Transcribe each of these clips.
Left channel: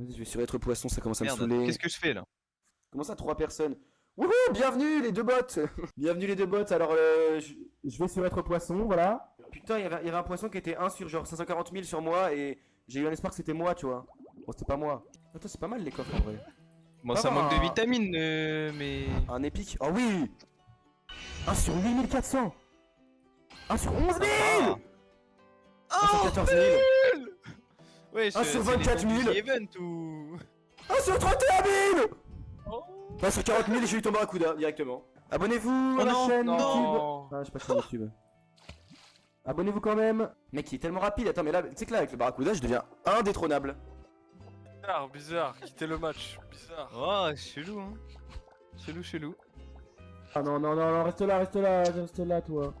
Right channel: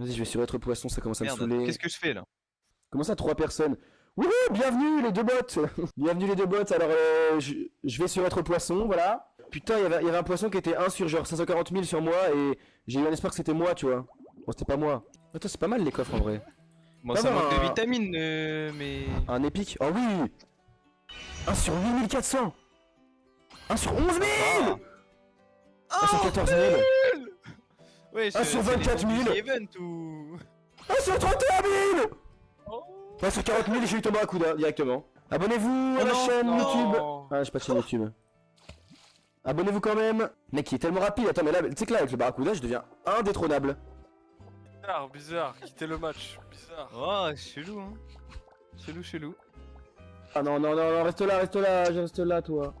Vas-y, je vais sur être poisson, ça commence à me Merde, saouler. qu'est-ce que je fais là? Comment ça, 3 personnes? Wouhou, bienvenue les deux bots. Bienvenue les deux bots. Alors, je vais sur être poisson, voilà. Putain, il y avait un poisson qui était 1 sur genre 540 000 sur moi et j'ai eu un espoir que c'était moi, tu vois. Bon, c'était pas moi. Attends, c'est pas mal les coffres en vrai. Bon, Pas ça avoir manque de un- vitamines, mais... Un épique. Oh oui. 1 sur 8400. 1 sur 11 000. Sympa. 1 sur 14 000. Ouais, Ah, sur 24 000. Event ou... 1 sur 31 000. Oh. 1 sur 40 000 et j'ai eu ton barracuda directement. Abonnez-vous à Oh la non, chaîne non. YouTube. Ah, j'ai pas de chaîne YouTube. Abonnez-vous quand même. Mec, il est tellement rapide. Attends, mais là, tu sais que là, avec le barracuda, je deviens indétrônable. Bizarre, quittez le match, bizarre. Oh, chelou, hein. Chelou. Ah non, non, non, non, reste là, toi.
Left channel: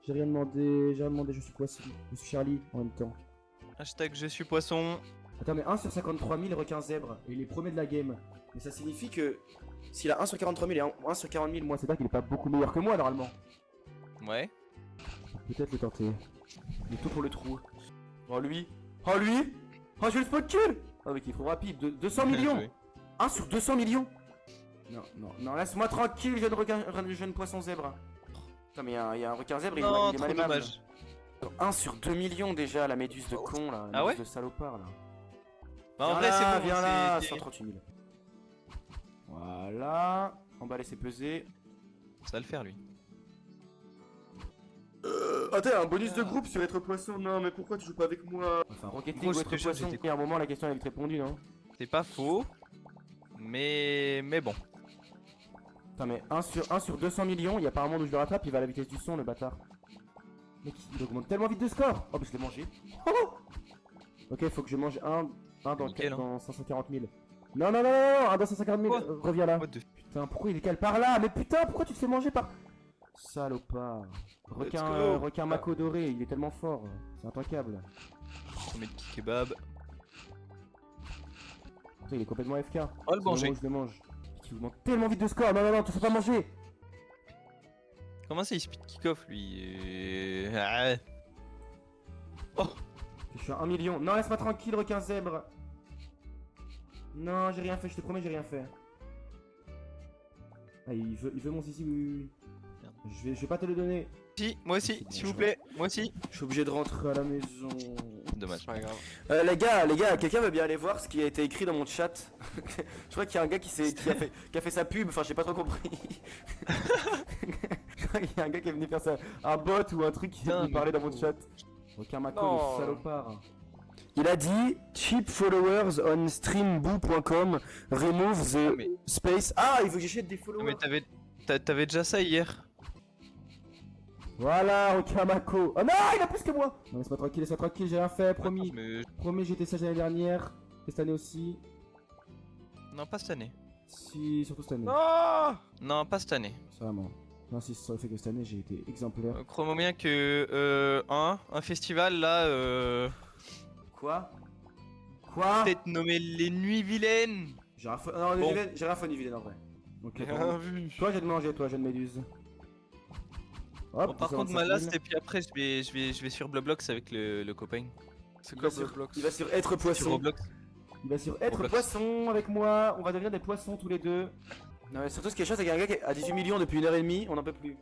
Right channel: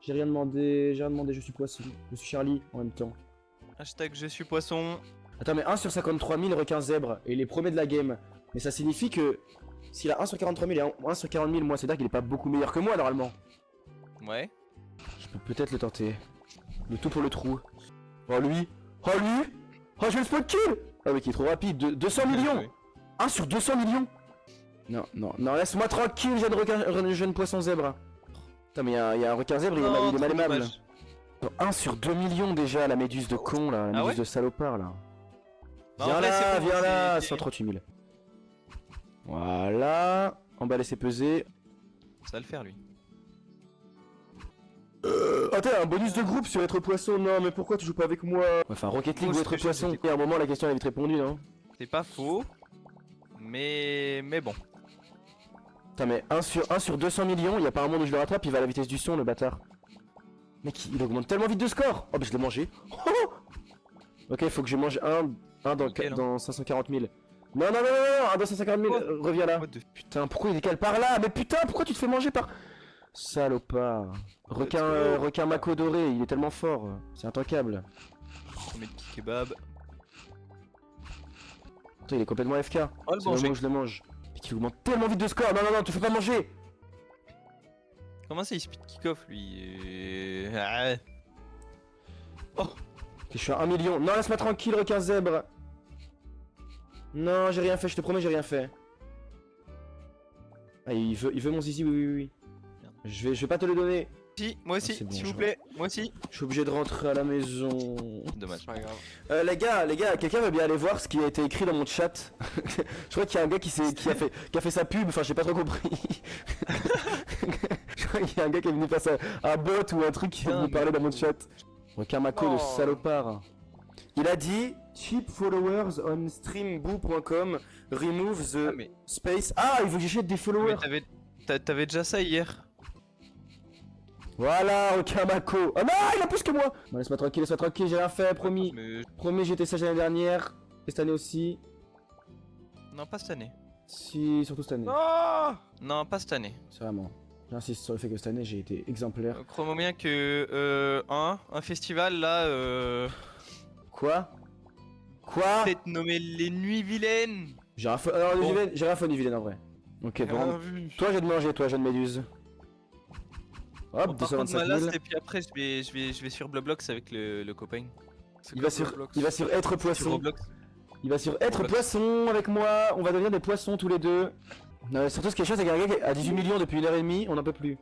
J'ai rien demandé, je suis poisson. Je suis Charlie en même temps. Hashtag je suis poisson. Attends, mais 1 sur 53 000 requins zèbres, et il est premier de la game. Mais ça signifie que s'il a 1 sur 43 000 et 1 sur 40 000, moi, c'est-à-dire qu'il est pas beaucoup meilleur que moi normalement. Ouais. Je peux peut-être le tenter. Le tout pour le trou. Oh lui. Oh lui. Oh, je vais le spot kill. Ah oui, qui est trop rapide. 200 millions. Joué. 1 sur 200 millions. Non, non, non, laisse-moi tranquille, jeune requin, jeune poisson zèbre. Putain, mais il y a un requin zèbre, Non, il est trop mal aimable. dommage. 1 sur 2 millions déjà, la méduse de con là, la Ah méduse ouais de salopard là. Bah, en Viens vrai, là, c'est bon. viens là, c'est- 138 000. Voilà, emballer c'est pesé. Ça va le faire, lui. Attends, un bonus de groupe sur être poisson, non mais pourquoi tu joues pas avec moi? Enfin, Rocket League Moi, ou je être te jure, poisson. j'étais- Et à un moment la question elle avait vite répondu, non? C'est pas faux. Mais bon. Putain mais 1 sur 200 millions, y a pas un monde où je le rattrape, il va à la vitesse du son le bâtard. Mec, il augmente tellement vite de score. Oh bah je l'ai mangé. Oh ok, faut que je mange un dans, Nickel, hein. dans 540 000. Non, non, non, non, non, un dans 150 000, Quoi reviens là. What the... Putain, pourquoi il décale par là? Mais putain, pourquoi tu te fais manger par... Salopard. Requin, go. requin mako doré, il est tellement fort. C'est intankable. On met de kebab. Putain, il est complètement FK. Oh, le C'est manger. moment où je le mange. Mais qu'il augmente tellement vite de score. Non, non, non, tu fais pas manger. Comment ça, il speed kick-off, lui Ah. Oh. Ok, je suis à 1 million. Non, laisse-moi tranquille, requin zèbre. Non, j'ai rien fait, je te promets, j'ai rien fait. Ah, il veut mon zizi, oui, oui, oui. Merde. Je vais pas te le donner. Si, moi aussi, C'est bon, s'il je vous plaît. Moi aussi. Je suis obligé de rentrer à la maison. Dommage. C'est pas grave. Les gars, quelqu'un veut bien aller voir ce qui a été écrit dans mon chat. Je crois qu'il y a un gars qui a fait sa pub, enfin j'ai pas trop compris. Je crois qu'il y a un gars qui est venu faire un bot ou un truc qui est Putain, venu parler mais- dans mon chat. Requin Mako, Non. le salopard. Il a dit cheap followers on streamboo.com remove the Ah, mais- space. Ah, il veut que j'achète des Mais followers. t'avais déjà ça hier. Voilà, Requin Mako. Ah non, il a plus que moi. Bon, laisse-moi tranquille, j'ai rien fait, promis. Mais... Promis, j'étais sage l'année dernière. Et cette année aussi. Non, pas cette année. Si, surtout cette année. Non. Non, pas cette année. C'est vraiment. J'insiste sur le fait que cette année j'ai été exemplaire. Crois-moi bien que un festival là, Quoi? Quoi? peut-être nommé les Nuits Vilaines. J'ai rien fait. Alors, Bon. j'ai rien fait ni vilaine en vrai. Ok, Rien bon. vu. Toi, j'ai de manger, toi, jeune méduse. Hop, Bon, par contre, 225 ma 000. last et puis après je vais sur Bloblox avec le copain. C'est Il quoi va sur, Roblox? il va sur être Sur poisson. Roblox. Il va sur être Roblox. poisson avec moi. On va devenir des poissons tous les deux. Non, mais surtout ce qui est chiant, c'est qu'il y a un gars qui a 18 millions depuis 1h30. On n'en peut plus.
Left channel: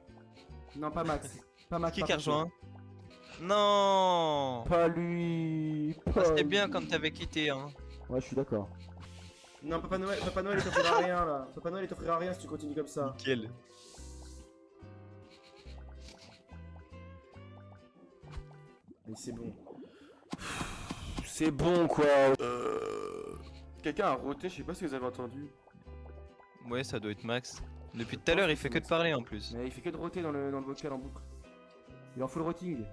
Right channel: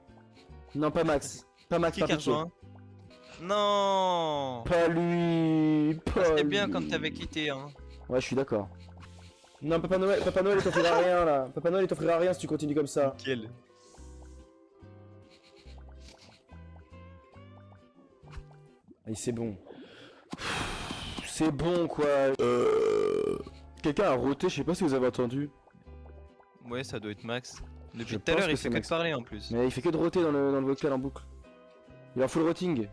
Non, pas Max. Pas Max. Qui pas a Piqué. rejoint? Non. Pas lui. Ah, Pas c'était bien lui. quand t'avais quitté, hein. Ouais, je suis d'accord. Non, Papa Noël, il t'offrira rien là. Papa Noël, il t'offrira rien si tu continues comme ça. Nickel. Allez, c'est bon. C'est bon quoi. Quelqu'un a roté, je sais pas si vous avez entendu. Ouais, ça doit être Max. Depuis Je tout à l'heure, pense il que fait c'est que Max. de parler en plus. Mais il fait que de roter dans le vocal en boucle. Il est en full rotting.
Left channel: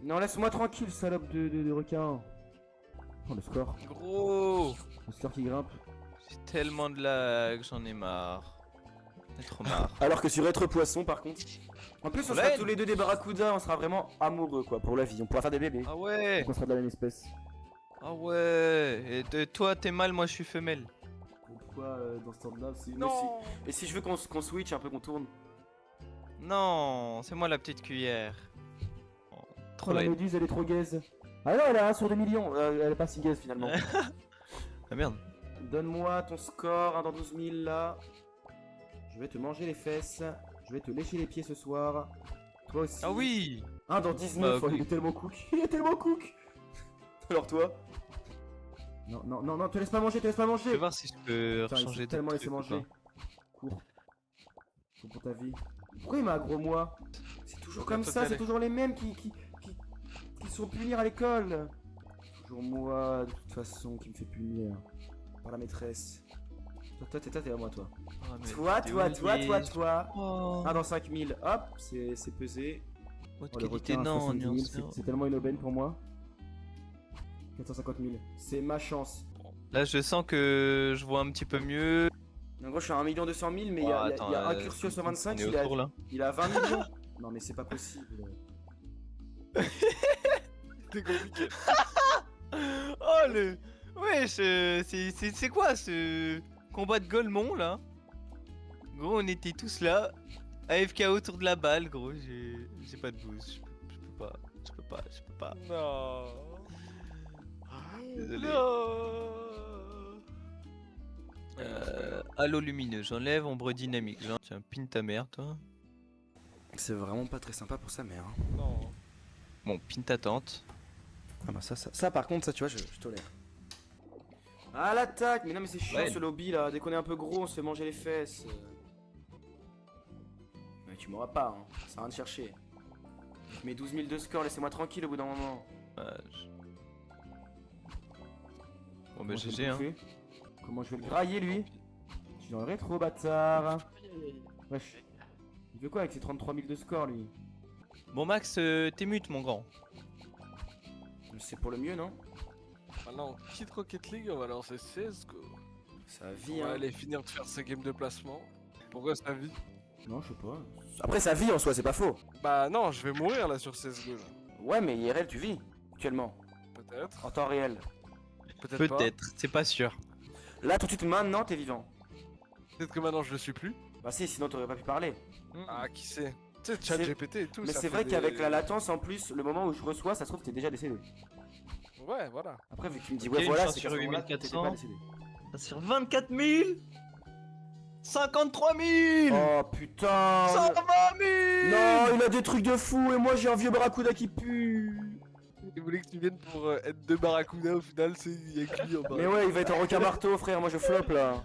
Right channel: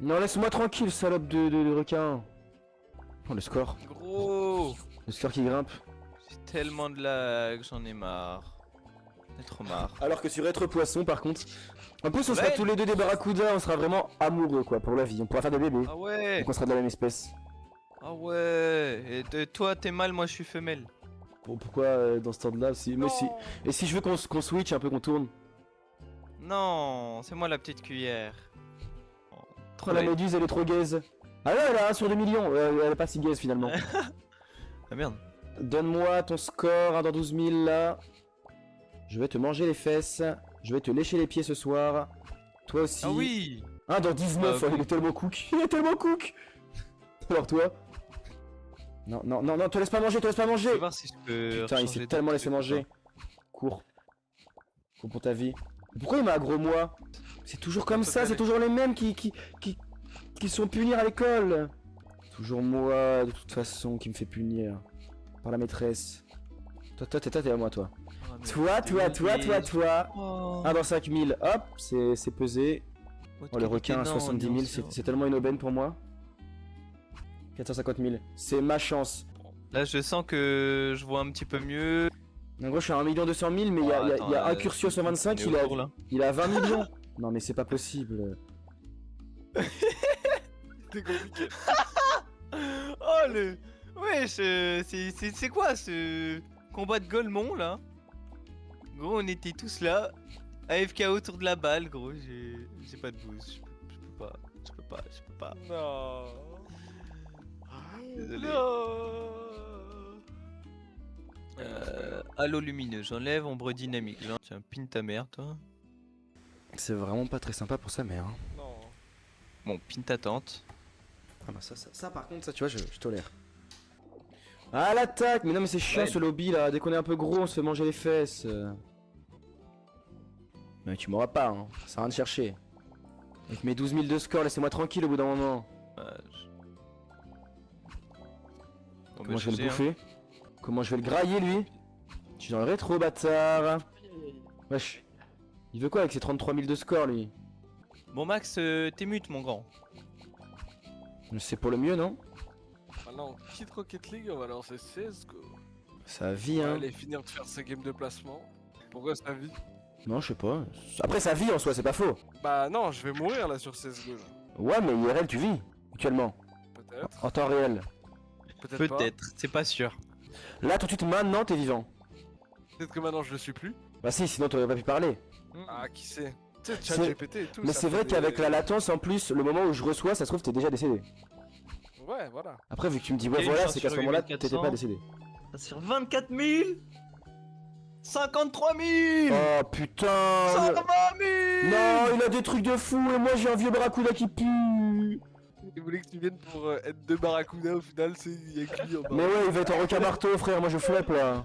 Non, laisse-moi tranquille, salope de requin. Oh, le score. Gros, Le score qui grimpe. j'ai tellement de lag, j'en ai marre. J'ai trop marre. Alors que sur être poisson, par contre. En plus, on Ouais. sera tous les deux des barracudas, on sera vraiment amoureux quoi pour la vie. On pourra faire des bébés. Ah ouais, On sera de la même espèce. ah ouais. Et toi, t'es mâle, moi je suis femelle. Bon, pourquoi dans ce temps-là si... Mais Non. si... Et si je veux qu'on switch un peu, qu'on tourne. Non, c'est moi la petite cuillère. Oh, trop Oh, la laid. méduse elle est trop gaze. Ah non, elle a 1 sur 2 millions, elle est pas si gaze finalement. Ah merde. Donne-moi ton score, 1 dans 12 000 là. Je vais te manger les fesses. Je vais te lécher les pieds ce soir. Toi aussi. Ah oui. 1 dans 19, Bah, il est tellement cook. Il est tellement cook. Alors toi. Non, non, non, non, te laisse pas manger, te laisse pas Je manger. vais voir si je peux Putain, il changer s'est de tellement truc laissé ou manger. pas. Cours. Cours pour ta vie. Pourquoi il m'a aggro moi? C'est toujours comme Bientôt ça, t'es c'est allé. toujours les mêmes qui sont punis à l'école. Toujours moi, de toute façon, qui me fait punir. Par la maîtresse. Toi, t'es à moi, toi. Ah, mais Toi, t'es toi, toi, humilié. toi, toi. Oh. 1 dans 5000, hop, c'est pesé. Haute Oh, le qualité, requin à non, 70 000, non, c'est tellement une aubaine pour moi. 450 000, c'est ma chance. Là, je sens que je vois un petit peu mieux. En gros, je suis à 1 200 000, mais il y a, Attends, un Curcio 125, on est autour, là. il a 20 millions. Non, mais c'est pas possible. C'était compliqué. Oh le... Wesh, c'est quoi ce combat de Golemont là? Gros, on était tous là, AFK autour de la balle, gros, j'ai pas de boost, je peux pas. Non. Désolé. Non. Halo lumineux, j'enlève ombre dynamique, tiens, pine ta mère toi. C'est vraiment pas très sympa pour sa mère. Hein. Non. Bon, pine ta tante. Ah bah ça par contre, ça tu vois, je tolère. Ah l'attaque. Mais non mais c'est chiant Ouais. ce lobby là, dès qu'on est un peu gros on se fait manger les fesses. Mais tu m'auras pas, hein. Ça sert à rien de chercher. Avec mes 12 000 de score, laissez-moi tranquille au bout d'un moment. Bon Comment bah je vais GG le hein. bouffer? Comment je vais le grailler lui? Je suis dans le rétro bâtard. Wesh. Il veut quoi avec ses 33 000 de score lui? Bon Max, t'es mute mon grand. C'est pour le mieux non? Maintenant, on quitte Rocket League, on va lancer CSGO. Ça On vit va hein. aller finir de faire ses games de placement. Pourquoi ça vit? Non je sais pas. Après ça vit en soi, c'est pas faux. Bah non, je vais mourir là sur CSGO. Là. Ouais mais IRL tu vis, actuellement. Peut-être. En temps réel. Peut-être pas. Peut-être, c'est pas sûr. Là tout de suite maintenant t'es vivant. Peut-être que maintenant je le suis plus. Bah si, sinon t'aurais pas pu parler. Ah, qui sait? Tu sais, chat C'est- GPT et tout. Mais ça c'est fait vrai des- qu'avec la latence en plus, le moment où je reçois, ça se trouve t'es déjà décédé. Ouais, voilà. Après vu que tu me dis Ok, ouais une voilà, chance c'est qu'à ce sur moment-là t'étais 8400. pas décédé. Sur 24 000 53 000 Oh putain 120 000 Non, il a des trucs de fou et moi j'ai un vieux barracuda qui pue. Il voulait que tu viennes pour être deux Barracuda, au final, c'est il y a que lui en bas. Mais ouais, il va être en requin marteau frère, moi je flop là.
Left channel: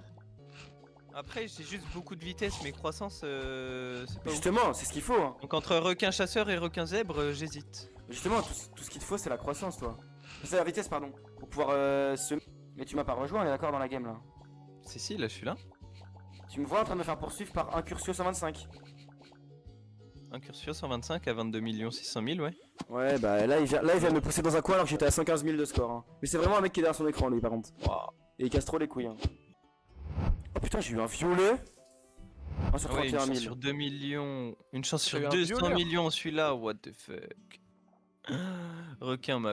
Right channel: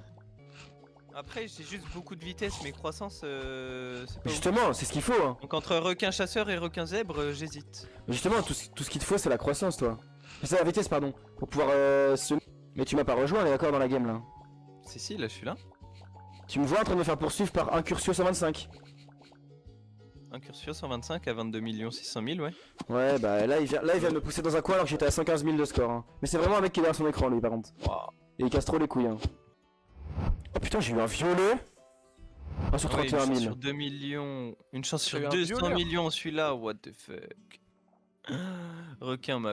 Après, j'ai juste beaucoup de vitesse, mais croissance, c'est pas ouf. Justement, c'est ce qu'il faut. Hein. Donc entre requin chasseur et requin zèbre, j'hésite. Justement, tout ce qu'il te faut c'est la croissance toi. C'est la vitesse pardon, pour pouvoir se... Mais tu m'as pas rejoint, on est d'accord dans la game là. Si, là, je suis là. Tu me vois en train de me faire poursuivre par un Curcio 125. Un Curcio 125 à 22 600 000, ouais. Ouais bah là il vient de me pousser dans un coin alors que j'étais à 115 000 de score. Hein. Mais c'est vraiment un mec qui est derrière son écran lui par contre. Waouh. Et il casse trop les couilles. Hein. Oh putain, j'ai eu un violet. 1 sur Ah ouais, une 31 chance 000. sur 2 millions. Une chance T'as sur eu un 200 violet, hein. millions, celui-là, what the fuck. Requin